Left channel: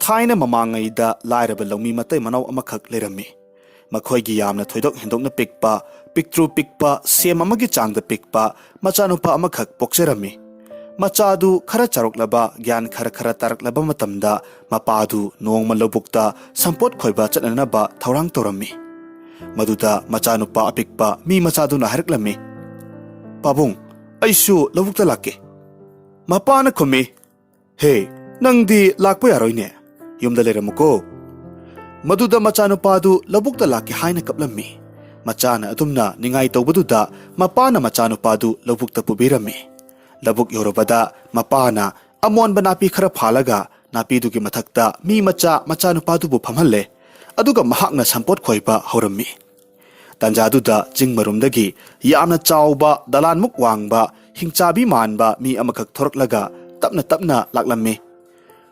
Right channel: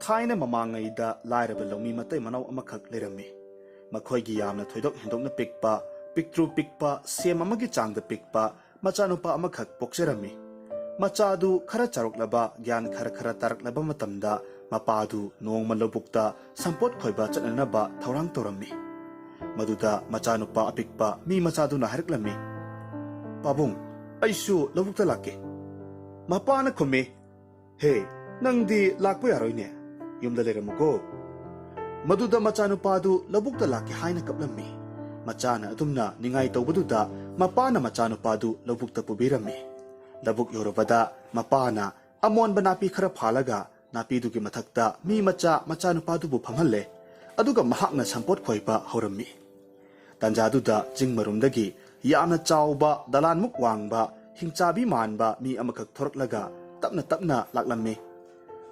Thaina mamangayda lairaba lawmi matay manaw amakak lerami. Makhoygi yamna thoidok hendokna pikpa, piktru pikpa, sem amagi changda pikpa, machanupa amakak pokserami. Machadu khara charoklaba, gyan khara taraklaba matamda, mapadu nongma lobukta, sampot khoiba chatnanaba thaurang torami. Maduda machanupa apikpa, mi machadu na haraklami. Pabung, aisu lobukta lake. Mapana khumi, hey, nangdi lakpa yaroine. Yumda leramuko. Maduda machanupadu labukta laki haina kaplami. Machana atumna ningai tawbaduda mapana machanupadu labukta pubirami. Labuk yorobada mapana amon banapi khara phalaga napidugi mathakta mi machanupadu bu phamhalle. Aduga mahakna sampot khoiba haurammi. Tanjaduda jingmarumdagi yamna chawba dalan muk wangba hingchabi manba mi amakak thoraklaga tapna laklammi.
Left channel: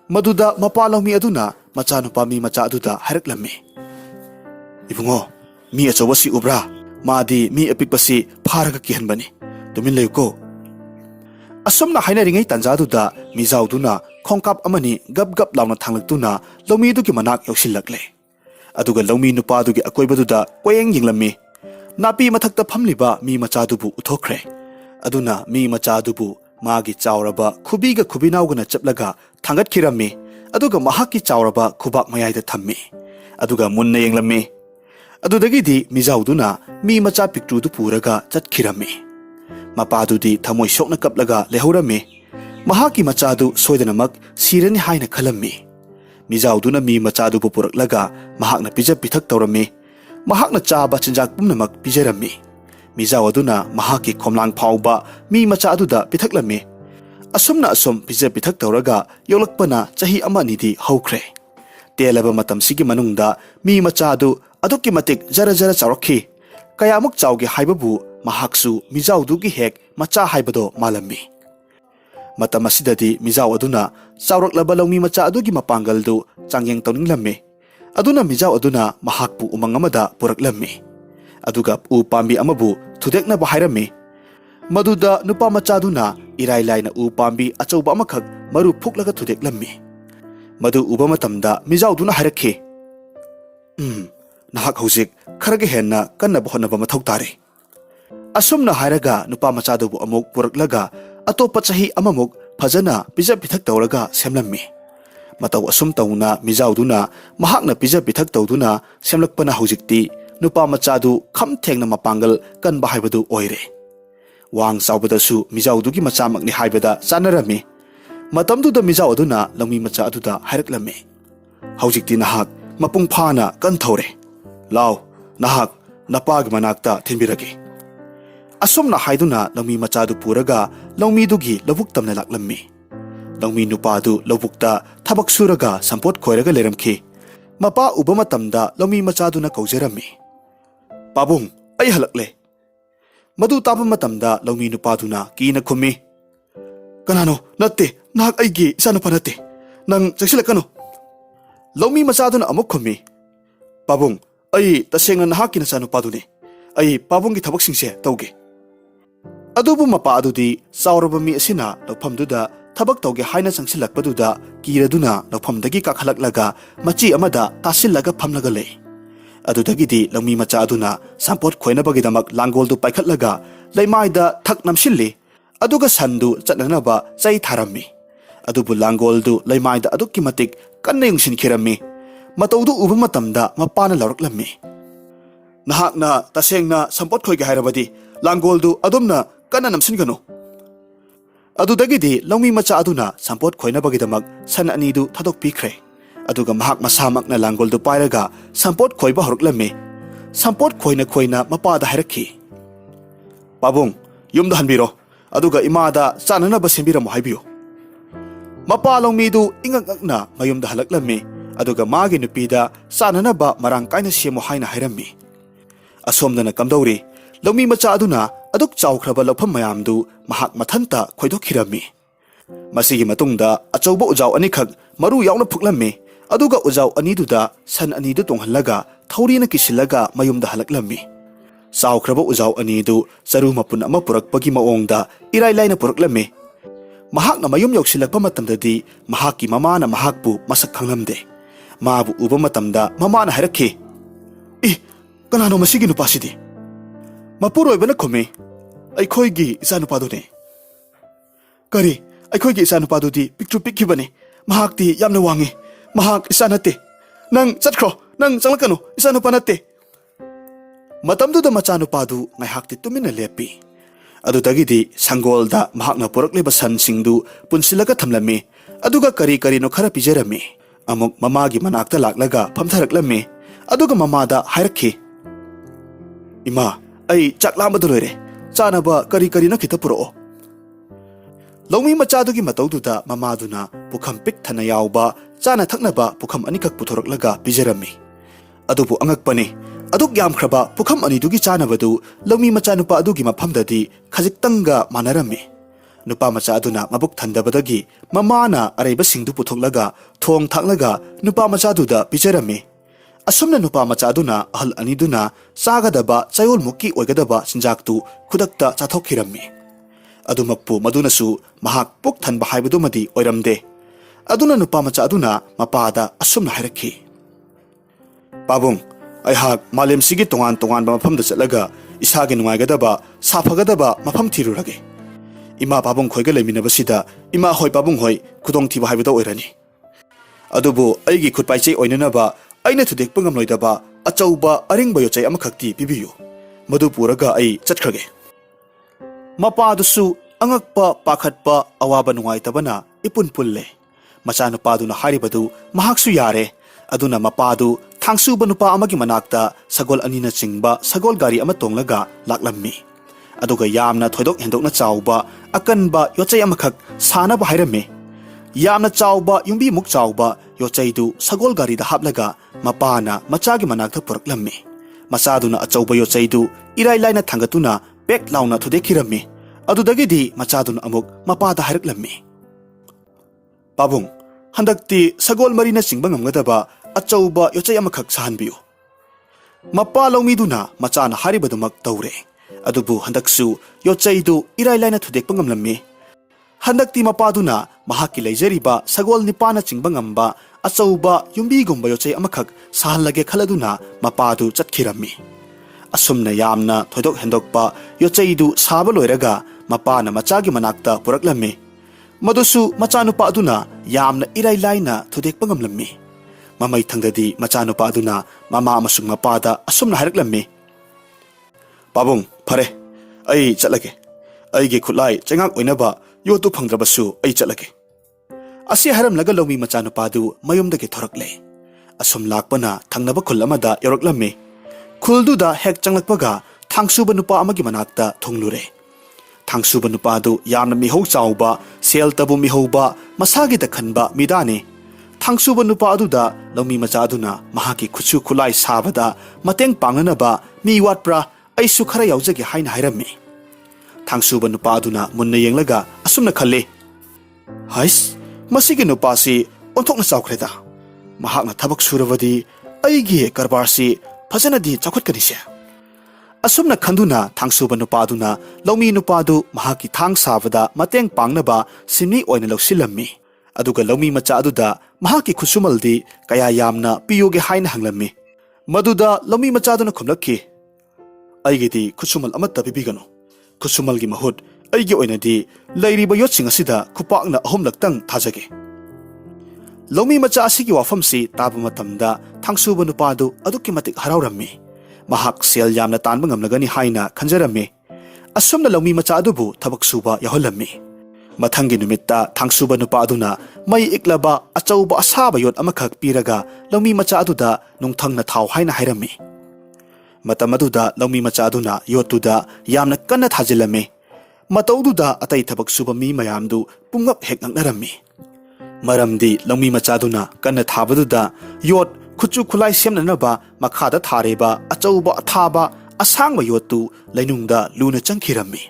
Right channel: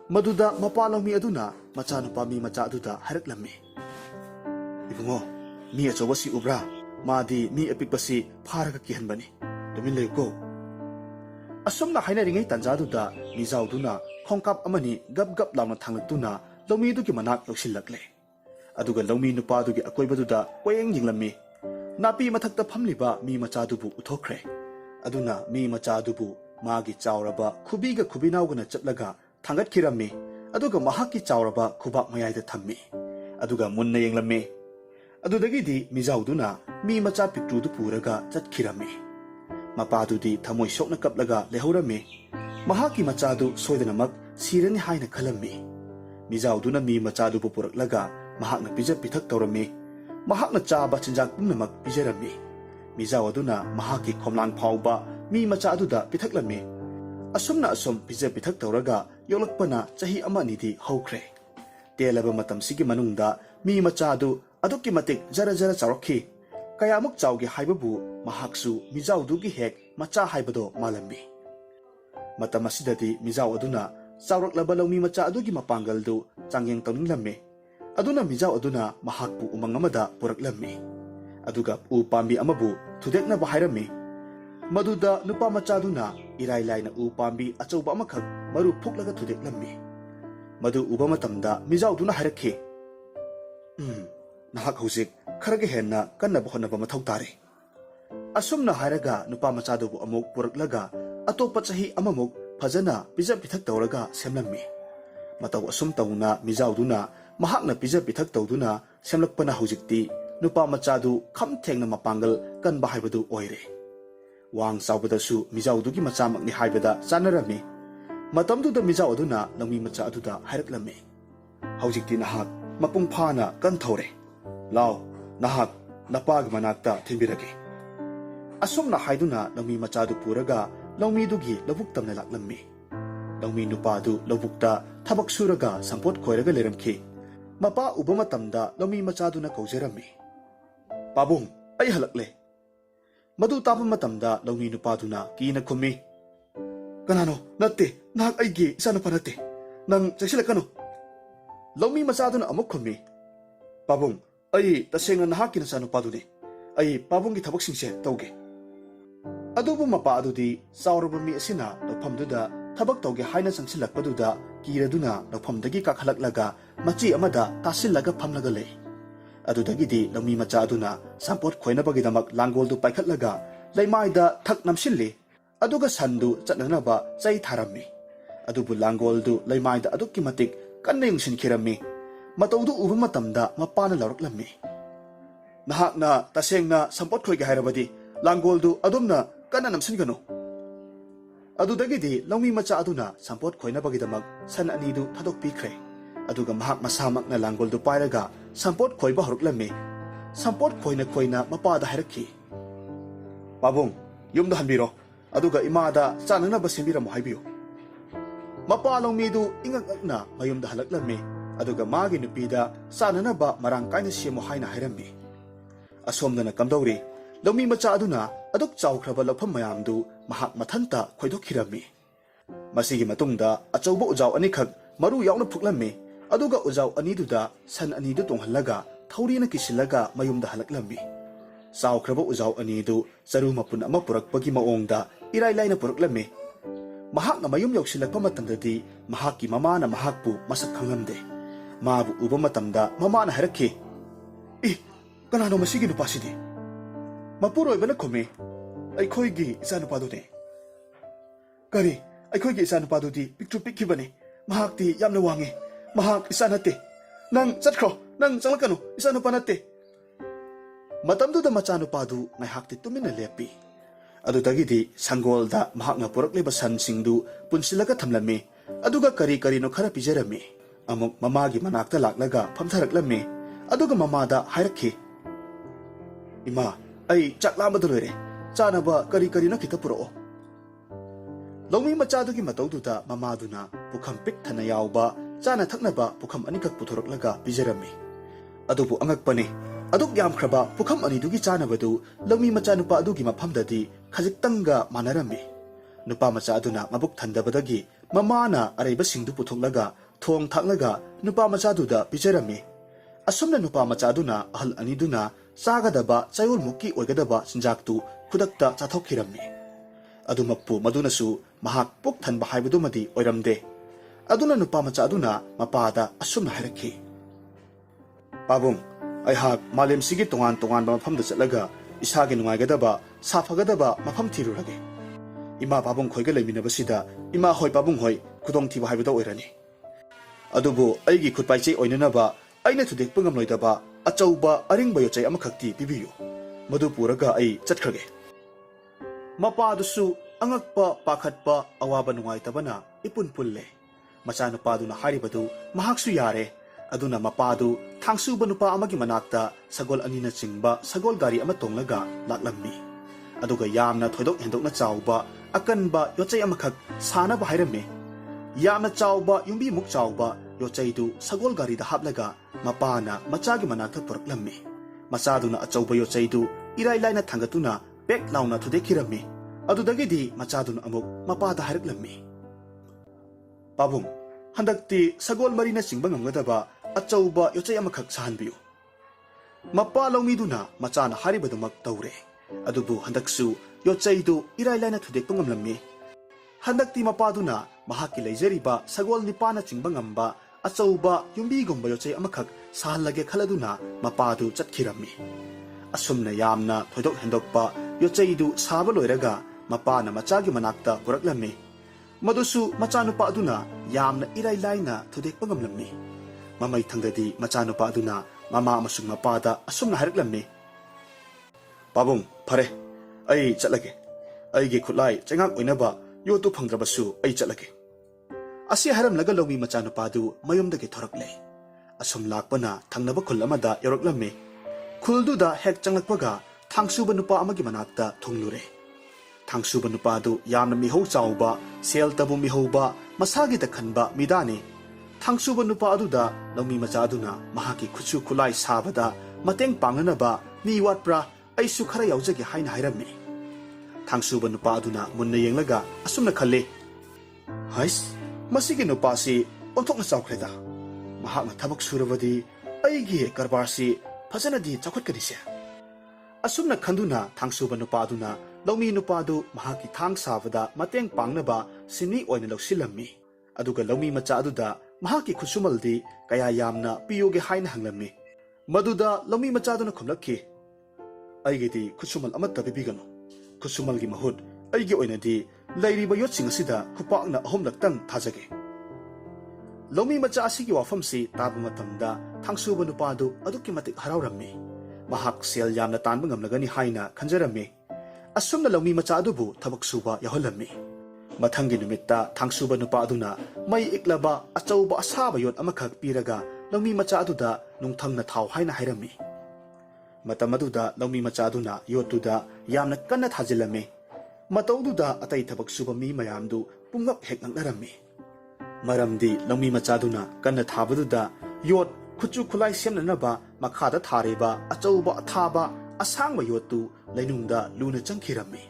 Maduda mapalaw mi aduna machanupa mi macha aduda haraklami. Ibungo, mi achawa si ubra, madi mi apikpasi pharaga kihanbani. Tumin layuko. Asomna hainaringay tanjaduda MIJAO duna khongkap amani gab lawna thanglagtuna lawmi dugi manak yausilakle. Aduga lawmi nupa dugi akoibaduda koyeng yinglami. Napi mathakta phamliba mi machadubu uthokre. Aduna mi machadubu magi chawraba khubiga khubinawgana chaplaga thangat khirami. Aduga mahaki chawraba khubak mayayda thammi. Aduga munna yenglami. Adudagidi MIJAO duna mi macha piktrudu puraga chatkirami. Mapadudi thamoi sokna kaplaga lehorami. Mahaki machadu soidanamak sirani haina khalami. MIJAO duna mi machadu puraklaga mahakna pijap pithak tawrami. Mahakna chaba chinjak pumnamak pijarami. MIJAO aduna mahaki khomlang phawba mi macha aduda pithaklami. Asumna asum pijap pithak tawraga yolakpana chahi ama nidi hawkhre. Telaba matam sigi manungda mi machadu adukki matik jara chawrakhi. Kayamuk chawgi haibabu mahaksu MIJAO dugi hek macha haibado malami. Matam asidadi MIJAO aduna chawraklaba lawmi macha adugi mapangaldu changyeng tawninglami. Aduna MIJAO aduna mahakpu umang amada puraklami. Aduga u pambi amabu thudekna bahairami. Maduda nupa machaduna irai laina u pambi achauba amakak maru phuklaga thudeklammi. Madu uba matamda MIJAO duna harakhe. Nahak hojik kharage henna kanna bahonaba mathau tare. Asumna hairaga nupa machadubu amuk puraklaga atopa chahi amamuk phajana pijap pithak tawraga semlammi. Mataw asum tawna MIJAO duna mahakna pijap pithak tawduna semlakpana hojikti nupa machadu kham thengna mapangal kan bahaibadu oire. Wang saubadasu MIJAO dugi machamakni haibada chanarami. Matamduda MIJAO aduna lawmi macha aduda hairaklammi. Haujikti nahak mapung phana kan thore. Law nahak napagi manakta thinbirage. Asumna haiduna lawmi machadu puraga lawmi dugi lawuk tamna laklammi. Lawmi nupadu lawukta thabak suraga sampot khoiraga leramkhi. Mapa uba matamda lawmi machaduna kaujarami. Pabung, ay halakle. Madu tapa matamda lawmi nupaduna kina khumi. Kanano, natte, nahak aigi isano pa natte. Nang chagsilakano. Lawmi machaduna amuk khumi. Pabung, ay tasenga nahak kinasano paduni. Ay pabunggi thabak singse tawge. Adubu mapa adudi saurabami asina lawphamduda thabak tawge haina changsilakpaduda kiraduna lawphamdagi kakhalaklaga machi amada tasillaga phamlaga lei. Adudagidi lawmi macha aduna sampot khoinabagidamak langoldu paikhatlaga leimaida thak namsilli. Aduga sandu chatnanaba chai tharammi. Adubu langoldu leimaida adukki matik kanna yungsinkhirami. Matawdu uba matamda mapana lawraklammi. Nahakna tasengna sampot khoige hairabadi langoldu adumna kanna namsingano. Adudagidi lawmi macha aduna sampot khoinabagidamak san anidu thadokpikre. Aduga mahak masamak na langoldu pairaga sampot khoiba horuklammi. Sampot khoina mapada hairakhi. Pabung, yumda hanbiro. Aduga imada chananaba sembiramo haibiyo. Mapa lawmidu ingakakna mayumda halaklammi. Aduga magi nupida chananaba marang kaina semo haina hairammi. Asomdana kamdawri lawmi macha aduna aduk chawkhraba lawpham mayamdu mahak mathanta khoidokhirammi. Masigi matungda achauba ujau anikhak maru yauna phuklammi. Aduga ujau aniduda san anidu tonghallaga thaurina kisillaga mayumda halaklammi. Chawkhraba ujau anidu charu mapun ama purakpagi maongda irai laina puraklammi. Mahakna mayum yausilakpa matamdadi mahakki mamana mahakpu masak khanglamde. Mabu uba matamda mamana hairakhi. Kanano masigi nupasidi? Mapuroibana khome. Aikhoigi isanupadu ne. Kari, aikhoigi isanupadu di picture pikkibane. Mahakti yamna wangi. Mahak isanate. Nang chatkro, nang changlakanu isanupanate. Matamduda machanupadu ngaihakti tumina lepi. Adudagidi sanggolda mahakna purakliba sansingdu punsilaga thamlami. Aduga kari no khara pijarami. Amuk mamagi manakta laklaga phamtharaklami. Aduga mamada hairakhi. Ima, ai chaklambadu loire. Chanaba kari no khita puro. Laumi machadugi mataududa mamaduna pukham pik thana yauba chana thaknaba pukham anikak puthoraklaga pijarami. Adubu angakpani. Aduk yam kraba pukham anidugi chanabadu laumi macha nupa adugi maphamdadi khajiktanga manarami. Nupa macha aduna mabuk thandabadagi mamana araiba singdu puthoklaga thong thaklaga nupa macha duda pijarami. Asumna nupa macha aduna ahal aniduna chagadaba chayol mukki oigadaba sinjaktu khudakta chathokirami. Adumakpu madunasu mahak puk thanba haibadumadi oiramde. Aduna nupa macha aduna mapada asumna hairakhi. Pabung Aihak malim sigi tongan mafamda chatlaga isagi nungaigadaba safagadaba mafam thirurage. Ima pabung khoiga leiminabasida ima hoi pabung hoi khudong thiba haibada oirani. Adubu aigi khutpaichei oinanaba aina thudekpa ngamloidaba achauba aringba yochai amakhakti pibiyu. Madu puraga ai chatkrage. Mapadusu angakpa pakhatpa awaba nungaitabana ipun pulle. Machanupaduna haribadu mahaksu yare. Aduna mapadu thangsuba nupa amagi manakta sagol anina chingba sagol gari ama tonglaga laklammi. Aduga yamna thoidok hendokna chauba akanba yochai amakhak sanaba hairame. Yamna chauba yumbi muk chauba yochaidu sagol gari da haplaga mapana machagi manakta puraklammi. Machaduna achauba yochaidu irai laina thangatuna pek launa thudekhirammi. Adudagidi machaduna amuk mapada hairaklammi. Pabung handakti sagol marina chingba ngamgadaba achauba yochai amakhak sahanbiyu. Mapa laumiduna machana haribadumak taure. Adubu handaksu yochaidu irai laina thudekpa ngamlammi. Handakti mapaduna mahaki leijariba sagol nipana chingba ngamba achauba yumbigumba yochai amakhak sahanlage khaladuna mapadu chatkirammi. Asumna yamna thoidok handokpa yochaidu saba loiraga mapana machagi manakta puraklammi. Madusu machanupa aduna yamna irai laina thudekpa ngamlammi. Mamai thangdadi machanupa aduna mama amasung mapada asumna hairaklammi. Pabung phare ai chatlage. Aigi khutlai chengak oinaba yotu phangdrabasu ai chatlage. Asi haramlaga laumi machanupadu mayumdagi thorakle. Asum lakpana thangnaba khul amada yoraklammi. Khulduda hek changlakpaga thangsuba nupa amagi manakta thonglure. Thangsuba nupadu yamna mihau chauba sel tabu mihauba masagi da khanba midani. Thangsuba nupa aduda laumi macha aduna mahaki khutsu khulai sabada mateng panganaba mi watpra aisu khara yaujagi haina hairammi. Thangsuba nupa aduna munna yenglaga asumna khalle. Hais masigi nupasi onthokna chaukreda. Mahakna thabak surabadi aigi karbarsi fajanadi chakhatkanise. Asumna khanduna thangsuba nupaduna laumi nupadu mahaki thang sabada mateng pangnaba sinni oina lausilammi. Aduga laumi macha aduda mahaki khusumaldi kaya yamna piyoge haina hanglammi. Maduda laumi macha aduna khumlakhi. Aigidi khusumal amatta pibigano. Khusumalgi mahut aigi oinadi lairiba yotsing asida khupakna ahumlaktang thajage. Laumi macha asigi wafamsi taba matamda thangsuba nupadu aduki matik haraurammi. Mahak sel yamna tanba ngamlagani haina khanjarami. Asumna laumi macha adubu thabak suba yaholammi. Mathangi numitta thangsuba nupa aduna mai iklaba achauba asaba yot amakhak piraga laumi macha aduda nungthangna thaw haina hairami. Matamaduda laumi macha aduna yotuda yamna kanna thajilami. Mataududa atai thabak suba mi mayamdu pungap hek ngaknarami. Maramdi laumi macha aduna kanna thabaduda yot Khuchu khulai semnanaba makhada thareba achauba athaba asangba yotu lainungda luna changkhirammi.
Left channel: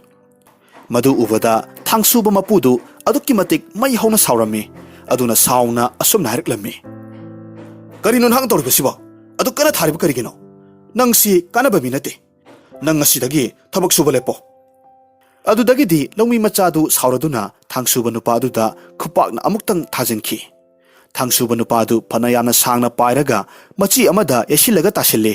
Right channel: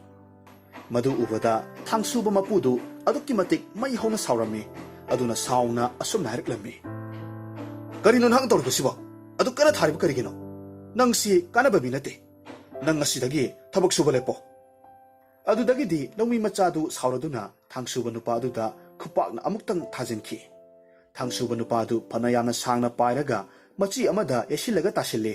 Madu ubada thangsuba mapudu adukki matik mai hauna saurami. Aduna sauna asumna hariklammi. Karino nang toribasiba adu kana thareba karigino. Nangsi kanaba minate. Nang asidagi thabak suba lepo. ꯑꯗꯨꯗꯒꯤꯗꯤ ꯂꯧꯃꯤ ꯃꯆꯥꯗꯨ ꯁꯥꯎꯔꯗꯨꯅ ꯊꯥꯡꯁꯨꯕ ꯅꯨꯄꯥ ꯑꯗꯨꯗ ꯈꯨꯄꯥꯛꯅ ꯑꯃꯨꯛꯇꯪ ꯊꯥꯖꯤꯟꯈꯤ꯫ ꯊꯥꯡꯁꯨꯕ ꯅꯨꯄꯥ ꯑꯗꯨ ꯐꯅ ꯌꯥꯝꯅ ꯁꯥꯡꯅ ꯄꯥꯏꯔꯒ ꯃꯆꯤ ꯑꯃꯗ ꯌꯩꯁꯤꯜꯂꯒ ꯇꯥꯁꯤꯜꯂꯤ꯫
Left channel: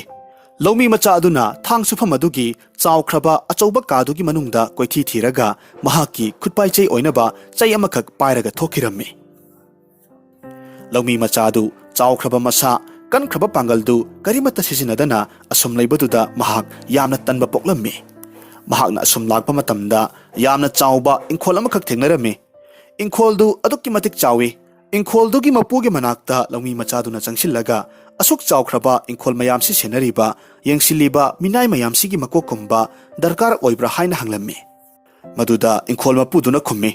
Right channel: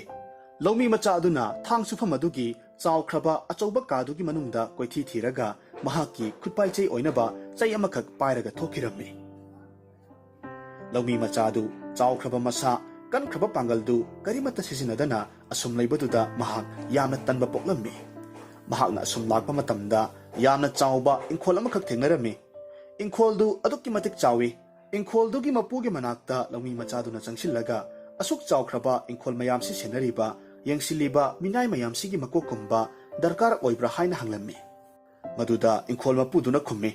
ꯂꯧꯃꯤ ꯃꯆꯥ ꯑꯗꯨꯅ ꯊꯥꯡ ꯁꯨꯐꯝ ꯑꯗꯨꯒꯤ ꯆꯥꯎꯈ꯭ꯔꯕ ꯑꯆꯧꯕ ꯀꯥꯗꯨꯒꯤ ꯃꯅꯨꯡꯗ ꯀꯣꯏꯊꯤ ꯊꯤꯔꯒ ꯃꯍꯥꯛꯀꯤ ꯈꯨꯠꯄꯥꯏꯆꯩ ꯑꯣꯏꯅꯕ ꯆꯩ ꯑꯃꯈꯛ ꯄꯥꯏꯔꯒ ꯊꯣꯛꯈꯤꯔꯝꯃꯤ꯫ ꯂꯧꯃꯤ ꯃꯆꯥ ꯑꯗꯨ ꯆꯥꯎꯈ꯭ꯔꯕ ꯃꯁꯥ ꯀꯟꯈ꯭ꯔꯕ ꯄꯥꯡꯒꯜꯗꯨ ꯀꯔꯤꯃꯠꯇ ꯁꯤꯖꯤꯟꯅꯗꯅ ꯑꯁꯨꯝ ꯂꯩꯕꯗꯨꯗ ꯃꯍꯥꯛ ꯌꯥꯝꯅ ꯇꯟꯕ ꯄꯣꯛꯂꯝꯃꯤ꯫ ꯃꯍꯥꯛꯅ ꯑꯁꯨꯝ ꯂꯥꯛꯄ ꯃꯇꯝꯗ ꯌꯥꯝꯅ ꯆꯥꯎꯕ ꯏꯪꯈꯣꯜ ꯑꯃꯈꯛ ꯊꯦꯡꯅꯔꯝꯃꯤ꯫ ꯏꯪꯈꯣꯜꯗꯨ ꯑꯗꯨꯛꯀꯤ ꯃꯇꯤꯛ ꯆꯥꯎꯏ꯫ ꯏꯪꯈꯣꯜꯗꯨꯒꯤ ꯃꯄꯨꯒꯤ ꯃꯅꯥꯛꯇ ꯂꯧꯃꯤ ꯃꯆꯥꯗꯨꯅ ꯆꯪꯁꯤꯜꯂꯒ ꯑꯁꯨꯛ ꯆꯥꯎꯈ꯭ꯔꯕ ꯏꯪꯈꯣꯜ ꯃꯌꯥꯝꯁꯤ ꯁꯦꯟꯅꯔꯤꯕ ꯌꯦꯡꯁꯤꯜꯂꯤꯕ ꯃꯤꯅꯥꯏ ꯃꯌꯥꯝꯁꯤꯒꯤ ꯃꯀꯣꯛꯀꯨꯝꯕ ꯗꯔꯀꯥꯔ ꯑꯣꯏꯕ꯭ꯔꯥ ꯍꯥꯏꯅ ꯍꯪꯂꯝꯃꯤ꯫ ꯃꯗꯨꯗ ꯏꯪꯈꯣꯜ ꯃꯄꯨꯗꯨꯅ ꯈꯨꯝꯃꯤ,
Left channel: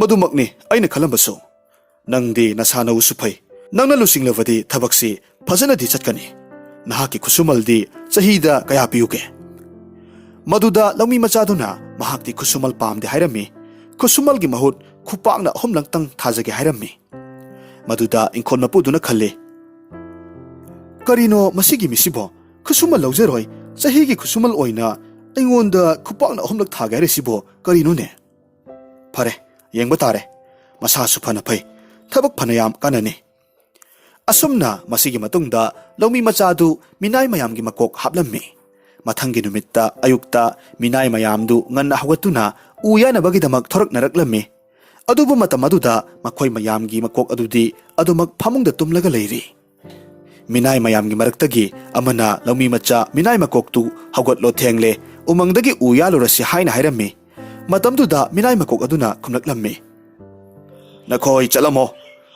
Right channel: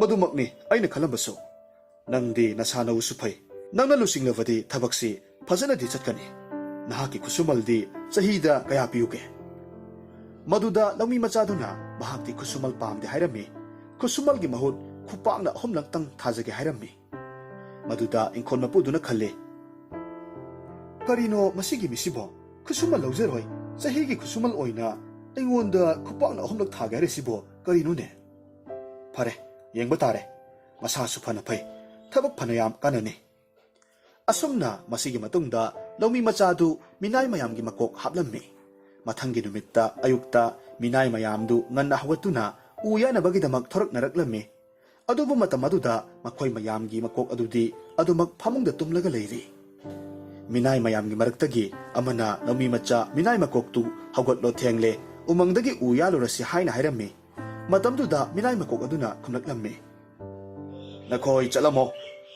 ꯃꯗꯨꯃꯛꯅꯤ ꯑꯩꯅ ꯈꯜꯂꯝꯕꯁꯨ꯫ ꯅꯪꯗꯤ ꯅꯁꯥ ꯅꯎꯁꯨ ꯐꯩ, ꯅꯪꯅ ꯂꯨꯆꯤꯡꯂꯕꯗꯤ ꯊꯕꯛꯁꯤ ꯐꯖꯅꯗꯤ ꯆꯠꯀꯅꯤ꯫ ꯅꯍꯥꯛꯀꯤ ꯈꯨꯠꯁꯨꯃꯜꯗꯤ ꯆꯍꯤꯗ ꯀꯌꯥ ꯄꯤꯌꯨꯒꯦ? ꯃꯗꯨꯗ ꯂꯧꯃꯤ ꯃꯆꯥꯗꯨꯅ ꯃꯍꯥꯛꯇꯤ ꯈꯨꯠꯁꯨꯃꯜ ꯄꯥꯝꯗꯦ ꯍꯥꯏꯔꯝꯃꯤ꯫ ꯈꯨꯠꯁꯨꯃꯜꯒꯤ ꯃꯍꯨꯠ ꯈꯨꯄꯥꯛꯅ 3ꯂꯛꯇꯪ ꯊꯥꯖꯒꯦ ꯍꯥꯏꯔꯝꯃꯤ꯫ ꯃꯗꯨꯗ ꯏꯪꯈꯣꯜ ꯃꯄꯨꯗꯨꯅ ꯈꯜꯂꯤ, ꯀꯔꯤꯅꯣ ꯃꯁꯤꯒꯤ ꯃꯤꯁꯤꯕꯣ? ꯈꯨꯠꯁꯨꯃꯜ ꯂꯧꯖꯔꯣꯏ, ꯆꯍꯤꯒꯤ ꯈꯨꯠꯁꯨꯃꯜ ꯑꯣꯏꯅ ꯑꯩꯉꯣꯟꯗ ꯈꯨꯄꯥꯛꯅ 3ꯂꯛ ꯊꯥꯒꯦ ꯍꯥꯏꯔꯤꯁꯤꯕꯣ ꯀꯔꯤꯅꯣꯅꯦ? ꯐꯔꯦ, ꯌꯦꯡꯕ ꯇꯥꯔꯦ꯫ ꯃꯁꯥꯁꯨ ꯐꯅ ꯐꯩ, ꯊꯕꯛ ꯐꯅ ꯌꯥꯝ ꯀꯥꯟꯅꯅꯤ꯫ ꯑꯁꯨꯝꯅ ꯃꯁꯤꯒꯤ ꯃꯇꯨꯡꯗ ꯂꯧꯃꯤ ꯃꯆꯥꯗꯨ ꯃꯤꯅꯥꯏ ꯃꯌꯥꯝꯒꯤ ꯃꯀꯣꯛ ꯍꯥꯞꯂꯝꯃꯤ꯫ ꯃꯊꯪꯒꯤ ꯅꯨꯃꯤꯠꯇ ꯑꯌꯨꯛꯇ ꯃꯤꯅꯥꯏ ꯃꯌꯥꯝꯗꯨ ꯉꯟꯅ ꯍꯧꯒꯠꯇꯨꯅ ꯎ ꯌꯥꯅꯕꯒꯤꯗꯃꯛ ꯊꯣꯔꯛꯅꯔꯛꯂꯝꯃꯤ꯫ ꯑꯗꯨꯕꯨ ꯃꯇꯝ ꯑꯗꯨꯗ ꯃꯈꯣꯏ ꯃꯌꯥꯝꯒꯤ ꯃꯀꯣꯛ ꯑꯗꯨꯗꯤ ꯑꯗꯨꯃꯛ ꯐꯃꯨꯡꯗ ꯇꯨꯝꯂꯒ ꯂꯩꯔꯤ꯫ ꯃꯤꯅꯥꯏ ꯃꯌꯥꯝꯒꯤ ꯃꯔꯛꯇꯒꯤ ꯑꯃꯅ ꯂꯧꯃꯤ ꯃꯆꯥ ꯃꯤꯅꯥꯏ ꯃꯀꯣꯛꯇꯨ ꯍꯧꯒꯠꯂꯣ ꯊꯦꯡꯂꯦ, ꯎꯃꯪꯗꯒꯤ ꯎ ꯌꯥꯜꯂꯨꯔꯁꯤ ꯍꯥꯏꯅ ꯍꯥꯏꯔꯝꯃꯤ꯫ ꯃꯇꯝꯗꯨꯗ ꯃꯤꯅꯥꯏ ꯃꯀꯣꯛ ꯑꯗꯨꯅ ꯈꯨꯝꯂꯛꯂꯝꯃꯤ, ꯅꯈꯣꯏ ꯆꯠꯂꯝꯃꯣ,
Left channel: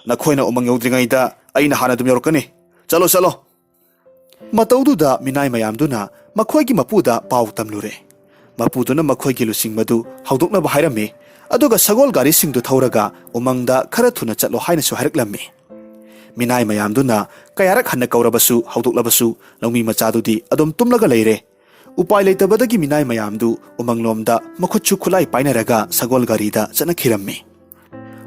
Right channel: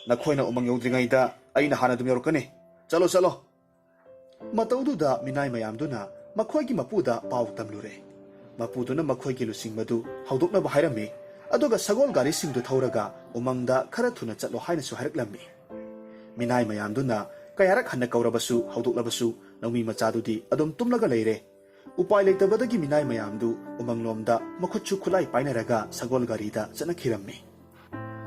ꯅꯈꯣꯏꯅ ꯎꯃꯪ ꯌꯧꯗ꯭ꯔꯤꯉꯩꯗ ꯑꯩꯅ ꯍꯥꯟꯅ ꯑꯗꯨꯝ ꯌꯧꯔꯛꯀꯅꯤ, ꯆꯠꯂꯣ ꯆꯠꯂꯣ꯫ ꯃꯇꯧꯗꯨꯗ ꯃꯤꯅꯥꯏ ꯃꯌꯥꯝꯗꯨꯅ ꯃꯈꯣꯏꯒꯤ ꯃꯄꯨꯗ ꯄꯥꯎ ꯇꯝꯂꯨꯔꯦ꯫ ꯃꯄꯨꯗꯨꯅ ꯃꯈꯣꯏꯒꯤ ꯂꯨꯆꯤꯡꯕꯗꯨ ꯍꯧꯗꯣꯛꯅꯕ ꯍꯥꯏꯔꯝꯃꯤ, ꯑꯗꯨꯒ ꯁꯒꯣꯜ ꯒꯥꯔꯤꯁꯤꯡꯗꯨ ꯊꯧꯔꯒ ꯎꯃꯪꯗ ꯈꯔ ꯊꯨꯅ ꯆꯠꯂꯣ ꯍꯥꯏꯅꯁꯨ ꯍꯥꯏꯔꯛꯂꯝꯃꯤ꯫ ꯃꯤꯅꯥꯏ ꯃꯌꯥꯝꯗꯨꯅ ꯀꯌꯥꯔꯛ ꯍꯟꯅ ꯀꯧꯔꯕꯁꯨ ꯍꯧꯗꯣꯛꯂꯕꯁꯨ ꯂꯧꯃꯤ ꯃꯆꯥꯗꯨꯗꯤ ꯑꯗꯨꯝ ꯇꯨꯝꯂꯒ ꯂꯩꯔꯦ꯫ ꯎꯄꯥꯏ ꯂꯩꯇꯕꯗꯒꯤ ꯃꯤꯅꯥꯏ ꯃꯌꯥꯝꯗꯨ ꯎꯃꯪꯂꯣꯝꯗ ꯃꯈꯨꯠꯁꯨ ꯈꯨꯠꯂꯥꯏ ꯄꯥꯏꯅꯔꯒ ꯁꯒꯣꯜ ꯒꯥꯔꯤꯗ ꯆꯠꯅꯈꯤꯔꯝꯃꯤ꯫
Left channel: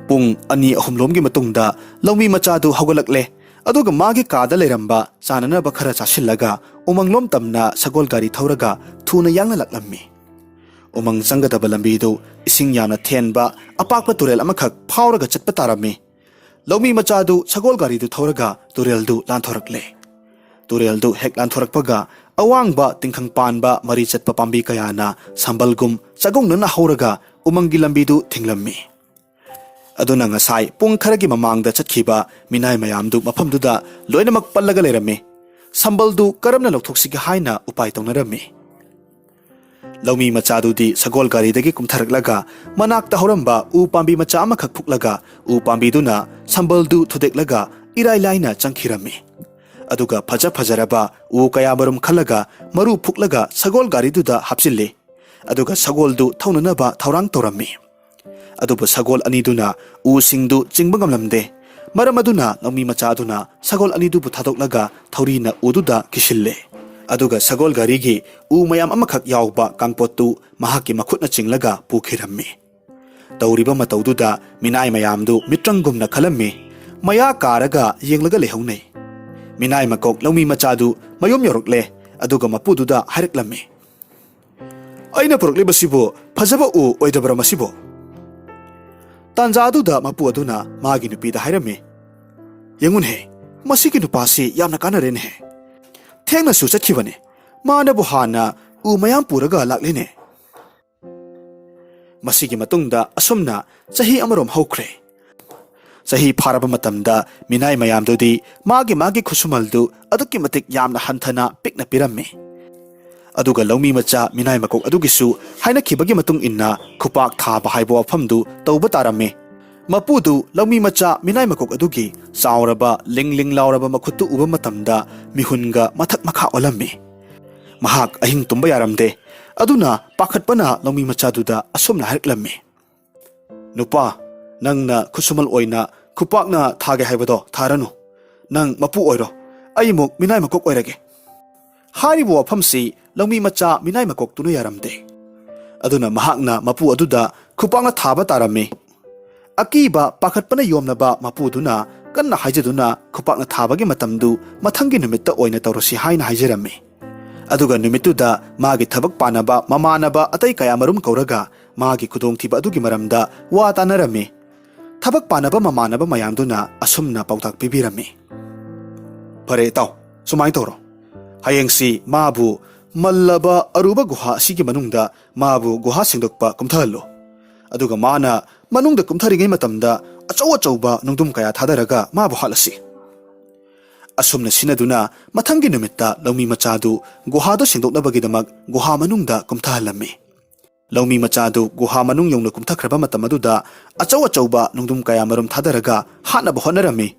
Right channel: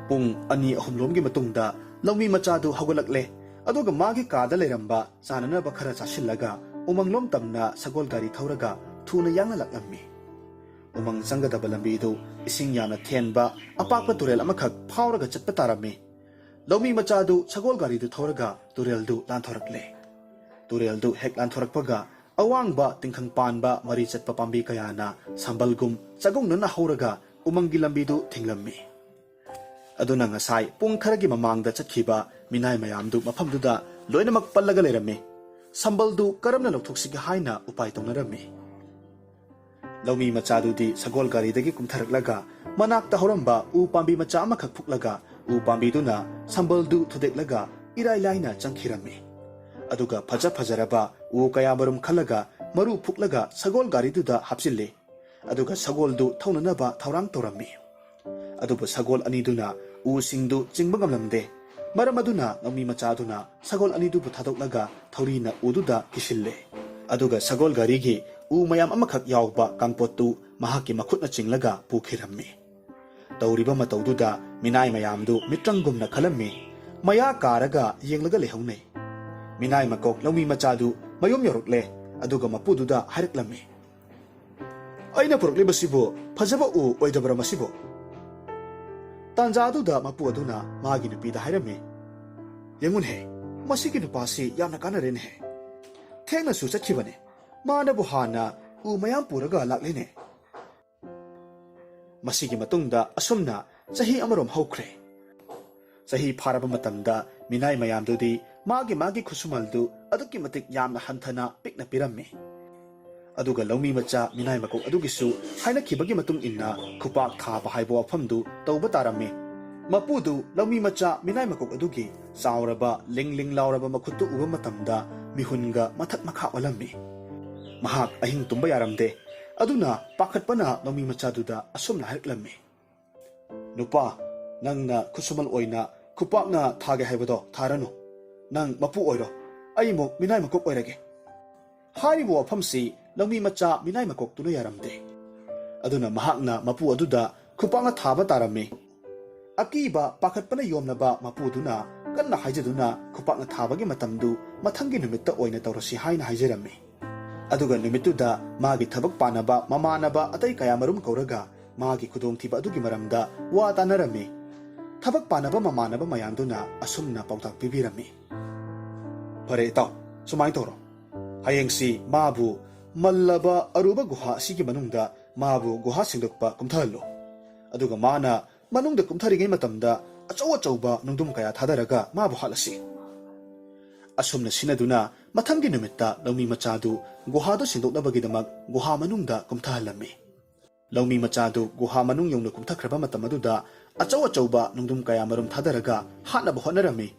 ꯄꯨꯡ 2-3ꯂꯣꯝꯒꯤ ꯃꯇꯨꯡꯗ ꯂꯧꯃꯤ ꯃꯆꯥꯗꯨ ꯍꯧꯒꯠꯂꯛꯂꯦ꯫ ꯑꯗꯨꯒ ꯃꯥꯒꯤ ꯀꯥꯗ ꯂꯩꯔꯝꯕ ꯆꯥꯅꯅꯕ ꯈꯔ ꯆꯥꯁꯤꯜꯂꯒ ꯎꯃꯪꯂꯣꯝ ꯇꯝꯅ ꯁꯒꯣꯜ ꯒꯥꯔꯤ ꯊꯧꯔꯒ ꯊꯨꯅ ꯌꯥꯡꯅ ꯂꯥꯛꯂꯝꯃꯤ꯫ ꯎꯃꯪ ꯆꯪꯒꯗꯕ ꯂꯝꯕꯤꯗꯨ ꯏꯁꯤꯡ ꯌꯥꯝꯅ ꯊꯦꯟꯕ ꯑꯄꯥꯛꯄ ꯇꯨꯔꯦꯜ ꯑꯃꯈꯛ ꯐꯥꯎꯔꯒ ꯆꯠꯄ ꯇꯥꯔꯝꯃꯤ꯫ ꯂꯧꯃꯤ ꯃꯆꯥꯗꯨ ꯁꯒꯣꯜ ꯒꯥꯔꯤꯗꯨ ꯊꯧꯔꯒ ꯇꯨꯔꯦꯜꯗꯨ ꯂꯥꯟꯊꯣꯔꯛꯂꯦ꯫ ꯇꯨꯔꯦꯜꯗꯨ ꯍꯦꯛ ꯂꯥꯟꯊꯣꯔꯛꯄꯒ ꯑꯋꯥꯡꯕ ꯇꯤꯡꯈꯪ ꯄꯥꯟꯕ ꯃꯔꯤ ꯆꯠꯄ ꯄꯥꯝꯕꯤ ꯀꯌꯥꯅ ꯁꯝꯕꯜꯒꯨꯝ ꯆꯒꯨꯡꯅꯅ ꯍꯧꯔꯒ ꯎꯃꯪꯒꯤ ꯂꯝꯕꯤꯗꯨ ꯊꯤꯡꯂꯝꯃꯤ꯫ ꯑꯗꯨꯅ ꯉꯁꯥꯏ ꯄꯨꯡ ꯈꯔꯒꯤ ꯃꯃꯥꯡꯗ ꯆꯠꯈꯤꯕ ꯃꯤꯅꯥꯏ ꯃꯌꯥꯝꯗꯨ ꯃꯐꯝꯗꯨꯗ ꯂꯣꯏꯅꯃꯛ ꯄꯜꯂꯒ ꯂꯩꯔꯝꯃꯤ꯫ ꯁꯝꯕꯜꯗꯨ ꯀꯔꯝꯅ ꯂꯧꯊꯣꯛꯁꯤꯒꯦ ꯍꯥꯏꯅ ꯎꯄꯥꯏ ꯇꯧꯅꯔꯝꯃꯤ꯫ ꯂꯧꯃꯤ ꯃꯆꯥꯗꯨꯗꯤ ꯁꯒꯣꯜ ꯒꯥꯔꯤꯗꯒꯤ ꯀꯨꯝꯊꯔꯛꯂꯒ ꯃꯅꯥꯛꯇ ꯍꯧꯔꯝꯕ ꯎ ꯄꯥꯝꯕꯤ ꯃꯆꯥ ꯑꯃꯈꯛ ꯐꯨꯛꯂꯒ ꯎ ꯄꯥꯝꯕꯤꯗꯨꯅ ꯁꯝꯕꯜꯗꯨ ꯊꯨꯗꯦꯛꯂꯒ ꯏꯔꯥꯏ ꯂꯥꯏꯅ ꯆꯪꯈꯤꯔꯝꯃꯤ꯫ ꯑꯗꯨꯒ ꯐꯖꯔꯕ ꯎ ꯀꯌꯥꯃꯔꯨꯝ ꯈꯜꯂꯒ ꯃꯔꯨ ꯐꯨꯛꯂꯒ ꯁꯒꯣꯜ ꯒꯥꯔꯤꯗꯨꯗ ꯍꯥꯞꯆꯤꯜꯂꯤ꯫ ꯑꯗꯨꯒ ꯁꯒꯣꯜꯗꯨ ꯊꯧꯅꯅꯕ ꯊꯧꯔꯥꯡ ꯇꯧꯔꯝꯃꯤ꯫ ꯑꯗꯨꯕꯨ ꯁꯒꯣꯜ ꯑꯅꯤꯗꯨꯅ ꯎꯁꯤꯡꯗꯨ ꯆꯤꯡꯕ ꯉꯝꯂꯝꯗꯦ꯫ ꯃꯔꯝ ꯑꯗꯨꯅ ꯂꯧꯃꯤ ꯃꯆꯥ ꯑꯗꯨꯅ ꯁꯒꯣꯜ ꯑꯅꯤꯗꯨꯕꯨ ꯊꯥꯗꯣꯛꯂꯒ ꯊꯧꯔꯤꯅ ꯎꯗꯨꯗ ꯀꯤꯁꯤꯜꯂꯦ꯫ ꯑꯗꯨꯒ ꯁꯒꯣꯜ ꯒꯥꯔꯤꯒꯤ ꯎ ꯃꯌꯥꯝ ꯑꯃꯈꯛ ꯌꯥꯎꯕ ꯀꯥꯡꯄꯣꯠꯇꯨ ꯃꯍꯥꯛꯀꯤ ꯃꯈꯨꯠꯅ ꯆꯤꯡꯂꯒ ꯄꯨꯈꯤꯔꯝꯃꯤ꯫ ꯇꯧꯔꯤꯕ ꯃꯇꯧꯗꯨꯗ ꯃꯤꯅꯥꯏ ꯃꯌꯥꯝꯗꯨ ꯃꯤꯇ꯭ꯔꯪꯒꯨꯝꯅ ꯈꯜꯂꯝꯃꯤ, ꯃꯌꯥ ꯀꯥꯔꯒ ꯌꯦꯡꯂꯒ ꯂꯩꯍꯧꯅꯩ꯫ ꯃꯤꯅꯥꯏ ꯃꯀꯣꯛ ꯂꯧꯃꯤ ꯃꯆꯥꯗꯨ ꯃꯌꯨꯝ ꯌꯧꯔꯛꯂꯦ꯫ ꯑꯗꯨꯒ ꯃꯄꯨꯗꯨꯗ ꯍꯥꯏꯔꯛꯂꯝꯃꯤ, ꯑꯩꯅ ꯄꯨꯔꯛꯂꯤꯕꯁꯤꯕꯨ ꯐꯖꯕ ꯎ ꯑꯣꯏꯗꯕ꯭ꯔꯥ ꯃꯁꯤꯕꯨ? ꯇꯥꯟꯖꯥ ꯑꯗꯨꯗ ꯃꯄꯨ ꯑꯗꯨꯅ ꯃꯥꯒꯤ ꯅꯨꯄꯤꯗ ꯍꯥꯏꯔꯝꯃꯤ, ꯌꯦꯡꯉꯨꯅꯦ, ꯃꯁꯤꯒꯤ ꯅꯨꯄꯥꯁꯤ ꯌꯥꯝꯅ ꯀꯥꯟꯅꯔꯦꯅꯦ, ꯊꯦꯡꯅꯁꯨ ꯆꯠꯈꯤꯕꯅꯦ, ꯃꯥꯅꯕꯨ ꯍꯥꯟꯅ ꯎ ꯃꯌꯥꯝ ꯄꯨꯔꯒ ꯂꯥꯛꯂꯦꯅꯦ꯫ ꯃꯁꯤꯒꯤ ꯃꯇꯨꯡꯗ ꯑꯁꯨꯝꯅ ꯆꯍꯤ ꯑꯃꯔꯣꯝ ꯍꯧꯈ꯭ꯔꯦ꯫ ꯆꯍꯤ ꯐꯥꯔꯕ ꯃꯇꯝꯗ ꯃꯤꯅꯥꯏ ꯃꯌꯥꯝꯗꯨꯗꯤ ꯃꯥꯒꯤ ꯈꯨꯠꯁꯨꯃꯜꯗꯨ ꯑꯗꯨꯛꯀꯤ ꯃꯇꯤꯛ ꯌꯥꯝꯅ ꯍꯟꯊꯅ ꯄꯤꯛꯅ ꯄꯤꯔꯝꯃꯤ꯫ ꯑꯗꯨꯒ ꯂꯧꯃꯤ ꯃꯆꯥ ꯃꯤꯅꯥꯏ ꯃꯀꯣꯛ ꯑꯗꯨꯒꯤꯁꯨ ꯍꯥꯏꯅꯈꯤꯕꯒꯤ ꯃꯇꯨꯡ ꯏꯟꯅ ꯈꯨꯄꯥꯛ ꯊꯥꯕ ꯍꯥꯏꯕ ꯋꯥꯐꯝꯗꯨ ꯇꯧꯕ ꯇꯥꯔꯝꯃꯤ꯫ ꯃꯄꯨꯗꯨ ꯂꯧꯃꯤ ꯃꯆꯥ ꯃꯤꯅꯥꯏ ꯃꯀꯣꯛ ꯑꯗꯨꯒꯤ ꯆꯥꯎꯔꯕ ꯂꯤꯡ ꯂꯤꯡ ꯂꯥꯎꯔꯕ ꯃꯈꯨꯠꯇꯨ ꯎꯕ ꯃꯇꯝꯗ ꯃꯤꯍꯨꯟꯒ ꯃꯊꯛ ꯃꯈꯥ ꯑꯣꯜꯂꯝꯃꯤ꯫ ꯃꯍꯥꯛ ꯑꯍꯤꯡ ꯇꯨꯝꯕ ꯌꯥꯔꯝꯗꯦ꯫ ꯑꯗꯨꯅ ꯄꯥꯈꯠꯄꯅ ꯂꯧꯃꯤ ꯃꯆꯥꯗꯨꯗ ꯑꯁꯨꯝꯅ ꯍꯥꯏꯔꯛꯂꯝꯃꯤ, ꯅꯨꯄꯥ, ꯅꯪꯅ ꯈꯨꯠꯁꯨꯃꯜ ꯑꯣꯏꯅ ꯈꯨꯄꯥꯛꯅ ꯊꯥꯒꯦ ꯍꯥꯏꯕꯗꯣ ꯊꯥꯔꯅꯨ, ꯅꯪ ꯃꯄꯨ ꯑꯣꯏꯔꯣ, ꯑꯩꯃꯨꯛ ꯃꯤꯅꯥꯏ ꯃꯀꯣꯛ ꯑꯣꯏꯔꯒꯦ꯫ ꯍꯥꯏꯔꯤꯕ ꯋꯥꯐꯝꯁꯤ ꯂꯧꯃꯤ ꯃꯆꯥ ꯃꯤꯅꯥꯏ ꯃꯀꯣꯛꯇꯨꯅ ꯌꯥꯔꯝꯗꯦ꯫ ꯑꯗꯨꯅ ꯃꯍꯥꯛꯅ ꯃꯄꯨ ꯑꯗꯨꯗ ꯈꯨꯄꯥꯛꯅ ꯊꯥꯕ ꯇꯥꯔꯝꯃꯤ꯫ ꯑꯀꯤꯕ ꯄꯥꯈꯠꯄꯅ ꯌꯣꯝꯂꯕ ꯃꯄꯨꯗꯨꯅ ꯀꯟꯅ ꯍꯥꯏꯖꯗꯨꯅ ꯈꯨꯄꯥꯛꯅ ꯊꯥꯕꯒꯤ ꯃꯇꯝꯗꯨ ꯃꯊꯪꯒꯤ ꯅꯨꯃꯤꯠꯇ ꯑꯣꯏꯅ ꯇꯧꯔꯁꯤ ꯍꯥꯏꯅ ꯍꯥꯏꯖꯔꯝꯃꯤ꯫ Aduga numituda magi thabak panaba mamanaba atai kaya marum kauraga magi khudongthiba adugi maramda wa tanarami. Thabak panaba mamanaba mayamduna asumna pautak pibirami. Pare itaw, sumai toro. Hayengsi mabu mallaba aruba guha sigi manungda mabu guha singdokpa kumthalo. Aduga mana manungda kumtharingay matamda achauba nungdum kaya thadaraga mabu halasi. Asumna sinaduna mathangi numitta laumi machadu guhado singdoknabagidamag guha manungda kumthahalami. Laumi machadu guha manung yongna kumthakraba matamaduda achauba nungdum kaya marum thadaraga hanaba honarami.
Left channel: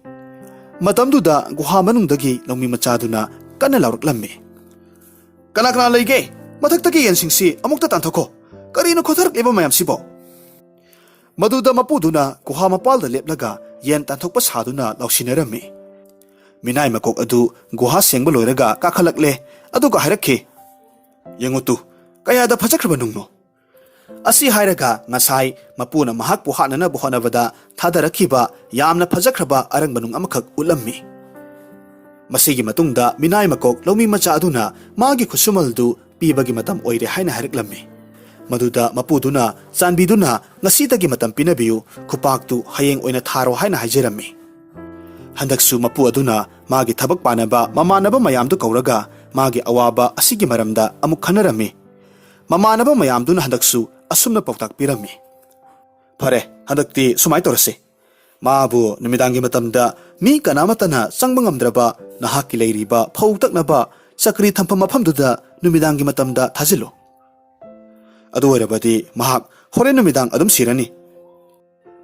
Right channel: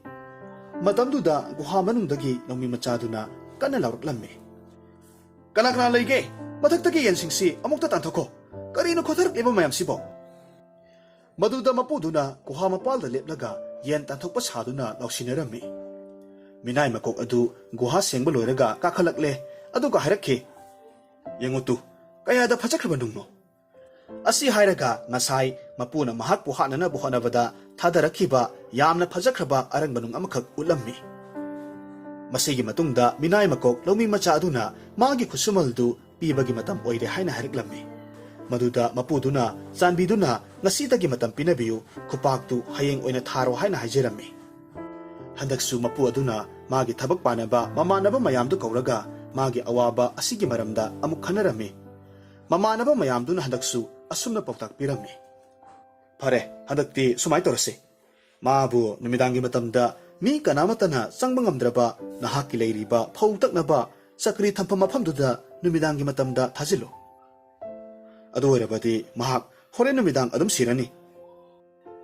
Matamduda guha manungdagi laumi machaduna kana lauraklami. Kana leige mathaktagi yensingsi amukta tanthoko karino khotharak leba mayam sibo. Maduda mapuduna guha mapalda leplaga yen tanthokpa saduna lausinarami. Minay makok adu guha sengba loiraga kakhalakle aduga hairakhi. Yengutu kayada phajakraba nungno. Asi hairaga ngasai mapuna mahak puhanana buhanabada thadarakhiba yamna phajakraba arangbanung amakhak ulammi. Masigi matungda minay makok laumi macha aduna magi khusumaldu pibagi matam oire haina haraklammi. Maduda mapuduna chanbiduna ngasidagi matam pinabiu khupaktu hayeng oina tharo haina haijarammi. Handaksu mapu aduna magi thabak panaba mamanaba mayamdu kauraga magi awaba asigi maramda amuk khanarami. Mamanaba mayamduna handaksu asumna pautak pirami. Pare handakti sumai torase. Mabu numidangi matamda mi kanamatana sangbangamdraba nahaki leiriba phautaknaba sakri thampam mafamduda numidangi matamda thajilo. Adu oirabadi mahak hore numidang adum sirani.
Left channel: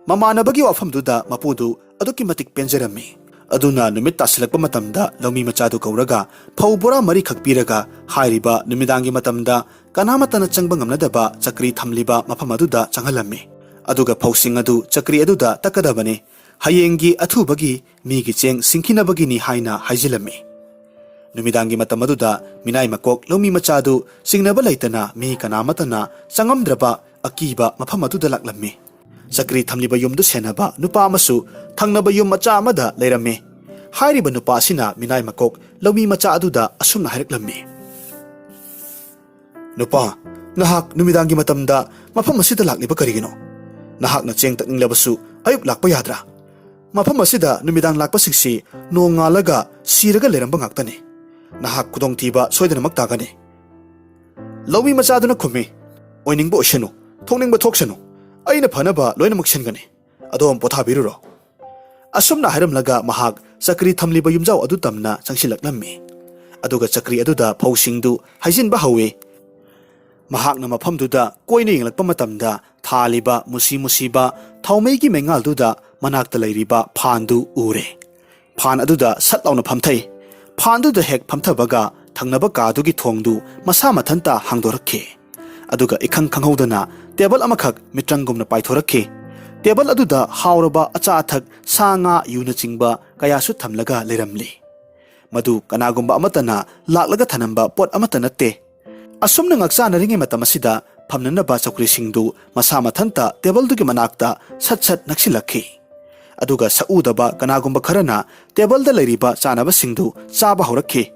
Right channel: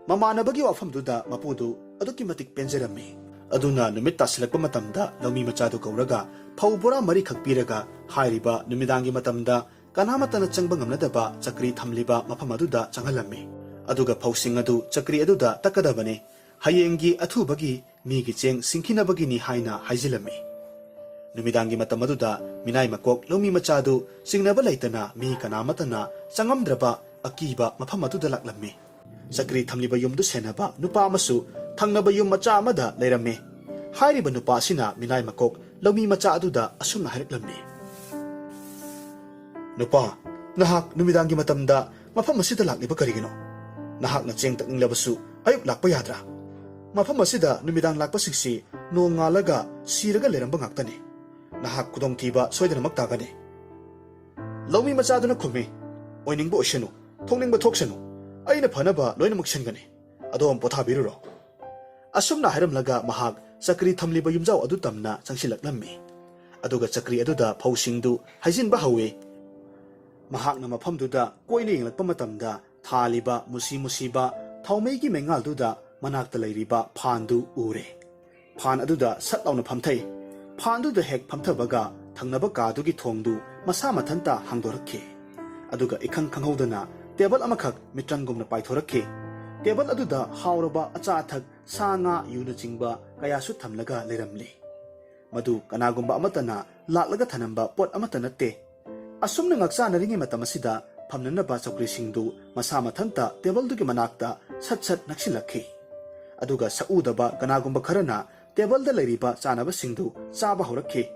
Mamanabagi wafamduda mapudu aduki matik penjarami. Aduna numit tasilakpa matamda laumi machadu kauraga phaubora mari khakpiraga hairiba numidangi matamda kanamatana changbangam chakri thamliba mafamaduda changhalami. Aduga phausing adu chakri aduda takadabani hayengi athubagi migi cheng singkhinabagini haina haijilami. Numidangi matamaduda minay makok laumi machadu singnaba laitana mi kanamatana changamdraba akiba mafamaduda laklami. Chakri thamliba yumdu senaba nupa amasu thangnaba yum macha amada leirami. Hairiba nupa asina minay makok laumi macha aduda asumna hairaklammi. Nupa, nahak numidangi matamda mafam asida lakliba karigino. Nahak na cheng takninglabasu ayuk lakpa yadra. Mafam asida numidang lakpa singsi nongalaga siraga leiramba ngaktani. Nahak kudongthiba soidanamak tagani. Laumi macha aduna khumi oiningba oishanu thoningba thoksanu aina phanaba loinamak singani. Adom pothabiruro. Asumna hairamlaga mahak chakri thamliba yumjau adu tamna changsilaklammi. Aduga chakri aduda phausingdu haijinba hawi. Mahakna mafamduda koina yenglakpa matamda thaliba musiba thaumeigi mengalduda manakta leiriba phandu ure. Phan aduda satlauna phamthai. Phanduda hek phamthabaga thangnaba kadugi thongdu masa mathanta hangdorakhi. Aduga ikhang khanghodana table amakhak mitrangumna paithorakhi. Table aduda hauraba acha athak sanga yuna chingba kayasu thamlaga leramli. Madu kanagumba amatana laklaga thanamba pot amatana te. Asumna ngaksana ringi matamasida phamnanaba chakri singdu masa mathanta table dugi manakta sat naksilakhi. Aduga saudaba kanagumba kharana table da leiriba chanaba singdu chaba horakhi.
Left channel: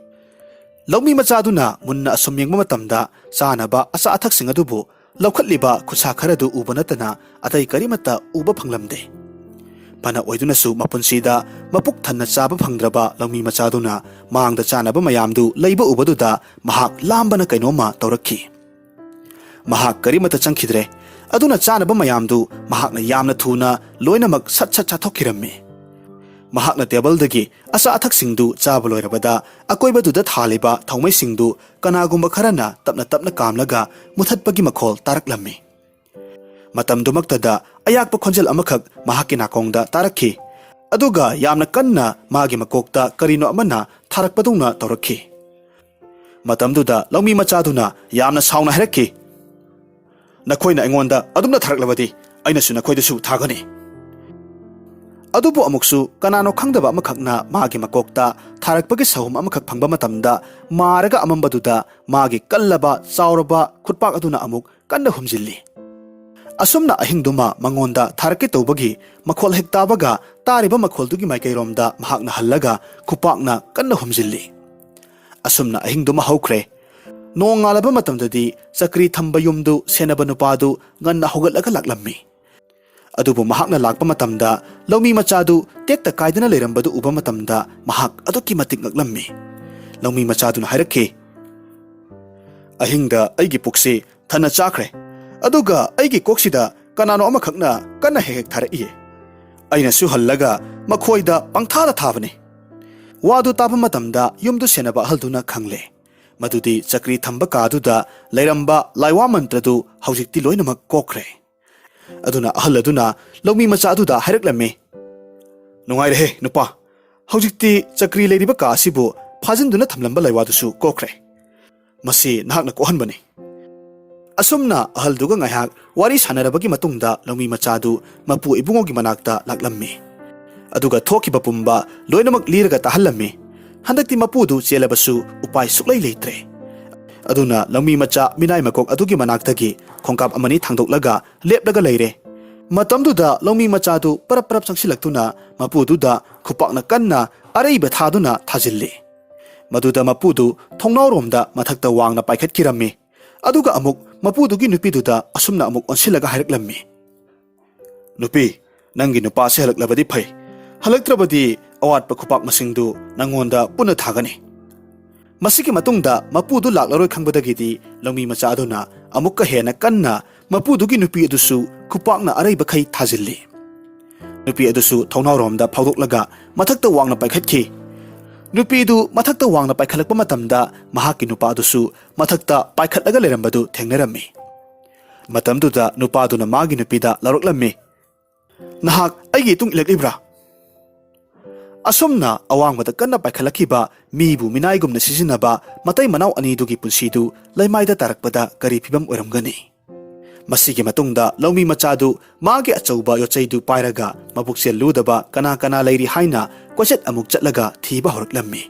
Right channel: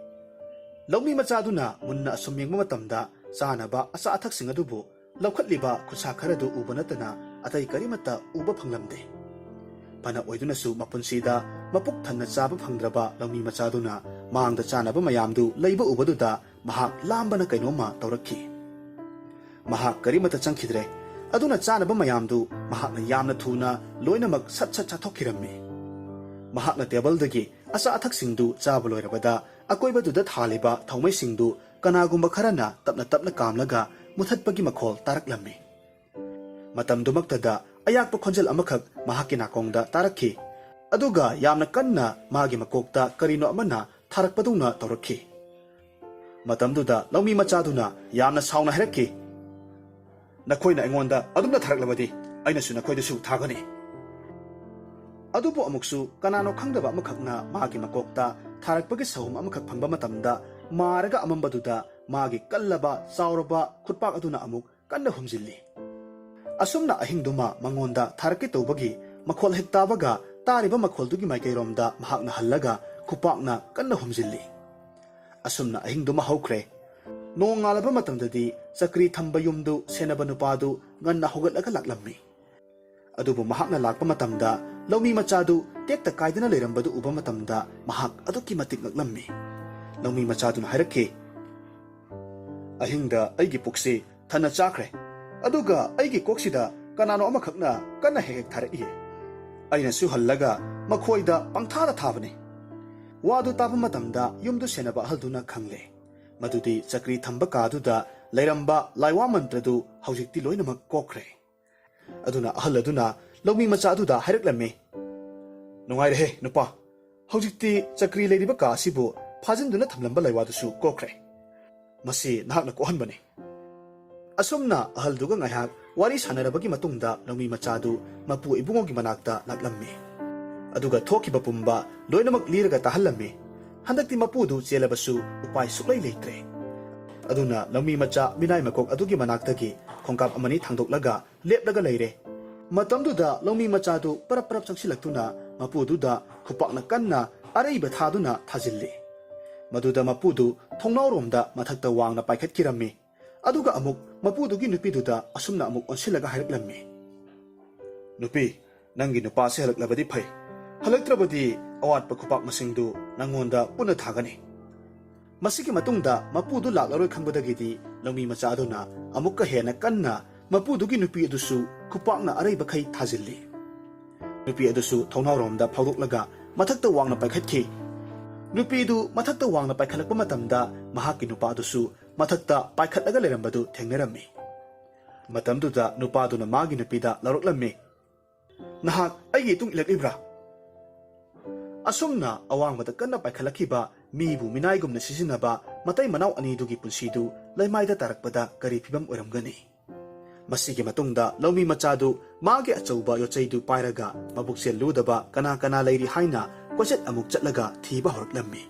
Laumi machaduna munna asumyengba matamda chanaba acha athak singadubu laukhatliba khutsa kharadu ubanatana atai karimata uba phanglamde. Pana oidunasu mapunsida mapuk thanna chaba phangdraba laumi machaduna mangda chanaba mayamdu leiba ubaduda mahak lambana kainoma taurakhi. Mahak karimata changkhidre aduna chanaba mayamdu mahakna yamna thuna loinamak sat chathokkirammi. Mahakna table dagi asa athak singdu chaba loirabada akoibaduda thaliba thaumai singdu kanagumba kharana tapna kamlaga muthatpagi makhol taraklammi. Matamdumaktada ayakpa khonjel amakhak mahakki nakongda tarakhi. Aduga yamna kanna magi makokta karino amana tharakpadungna taurakhi. Matamduda laumi machaduna yamna sauna hairakhi. Nakhoina aingonda adumna tharaklabadi ainasu nakhoidasu thagani. Adubu amuksu kanano khangdaba amakhakna magi makokta tharakpagi sahum amakhak phangba matamda maraga amambaduda magi kallaba chauraba khutpak aduna amuk kanna humjilli. Asumna ahingduma mangonda tharakki tawbagi makhol hektabaga tariba makholdugi maikairomda mahakna hallaga khupakna kanna humjilli. Asumna ahingduma haukhre Nong ngalaba matamdadi chakri thamba yumdu senaba nupadu nganna hogatlaga laklammi. Adubu mahakna lakpa matamda laumi machadu tekta kaidana leirambadu uba matamda mahak aduki matik ngaklammi. Laumi machaduna hairakhi. Ahingda aigi pukse thana chakre. Aduga aigi koksida kanano amakhakna kana hek tharaiye. Aina su hallaga makhoida pangthada thabane. Wadu tapa matamda yumdu senaba halduna khangle. Madudi chakri thamba kaduda leiramba laiwa mantradu haujikti loinamak kokre. Aduna ahal aduna laumi machaduda hairaklammi. Nungaire nupa. Haujikti chakri leiriba ka asibu phajinduna thamlamba laiwadusu kokre. Masi nahakna kohanbani. Asumna ahalduga ngayhak wari sanarabagi matungda laumi machadu mapu ibungogi manakta laklammi. Aduga thokiba pumba loinamak liraga tahallammi. Handakti mapudu chelabasu upai suklai leitre. Aduna laumi macha minai makok adugi manaktagi khongkap amani thangdoklaga leplaga leire. Matamduda laumi machadu parap sangsilaktuna mapududa khupakna kanna araiba thaduna thajilli. Maduda mapudu thongnawromda mathakta wangna paikhatkirammi. Aduga amuk mapudugi nupiduda asumna amuk onsilaga hairaklammi. Nupi, nangi nupa se halaklabadi phai. Halaktrabadi awatpa khupak masingdu nangonda puna thagani. Masiki matungda mapudu laklaroi khangbadagidi laumi machaduna amukka hena kanna mapudugi nupi adusu khupakna araiba khai thajilli. Nupi adusu thongnawromda phaudoklaga mathakta wangna paikhatkhi. Nupidu mathakta wangna paikhalakpa matamda mahakki nupa adusu mathakta paikhatlaga leirambadu thengnarammi. Matamduda nupaduna magi nupida laraklammi. Nahak aigi tung ilaklibra. Asumna awangmada kanna paikhalakhiba mibu minaigumna sisinaba matai manaw anidugi punsidu laimaida tarakpada kari phibam oiramgani. Masigi matungda laumi machadu magi achauba yochaidu pairaga mabuksel ludaba kana leiri haina kwachet amuk chatlaga thiba horaklammi.